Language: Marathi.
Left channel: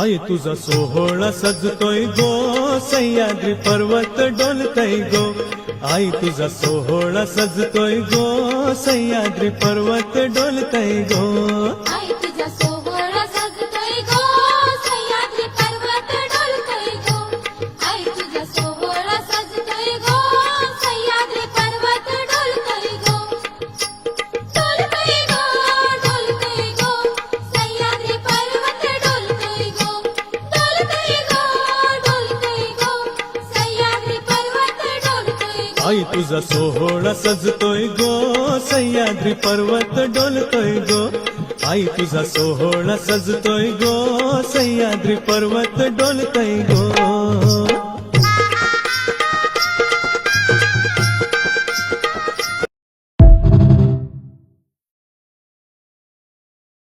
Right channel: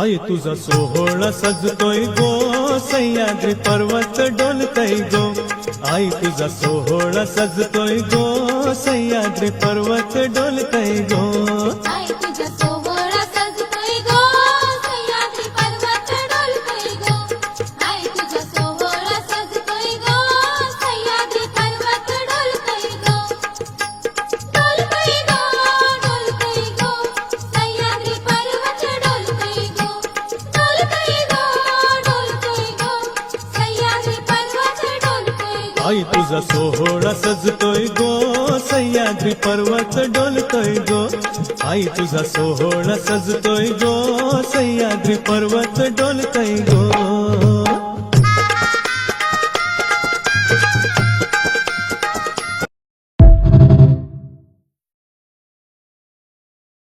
आई तुझा सोहळा सजतोय गो, सह्याद्री पर्वत डोलतय गो. आई तुझा सोहळा सजतोय गो, सह्याद्री पर्वत डोलतय गो. आई तुझा सोहळा सजतोय गो, सह्याद्री पर्वत डोलतोय गो. आई तुझा सोहळा सजतोय गो, सह्याद्री पर्वत डोलतोय गो. डोलतोय गो, डोलतोय गो, सह्याद्री पर्वत डोलतोय गो. डोलतोय गो, डोलतोय गो, सह्याद्री पर्वत डोलतोय गो. आई तुझा सोहळा सजतोय गो, सह्याद्री पर्वत डोलतोय गो. आई तुझा सोहळा सजतोय गो, सह्याद्री पर्वत डोलतोय गो.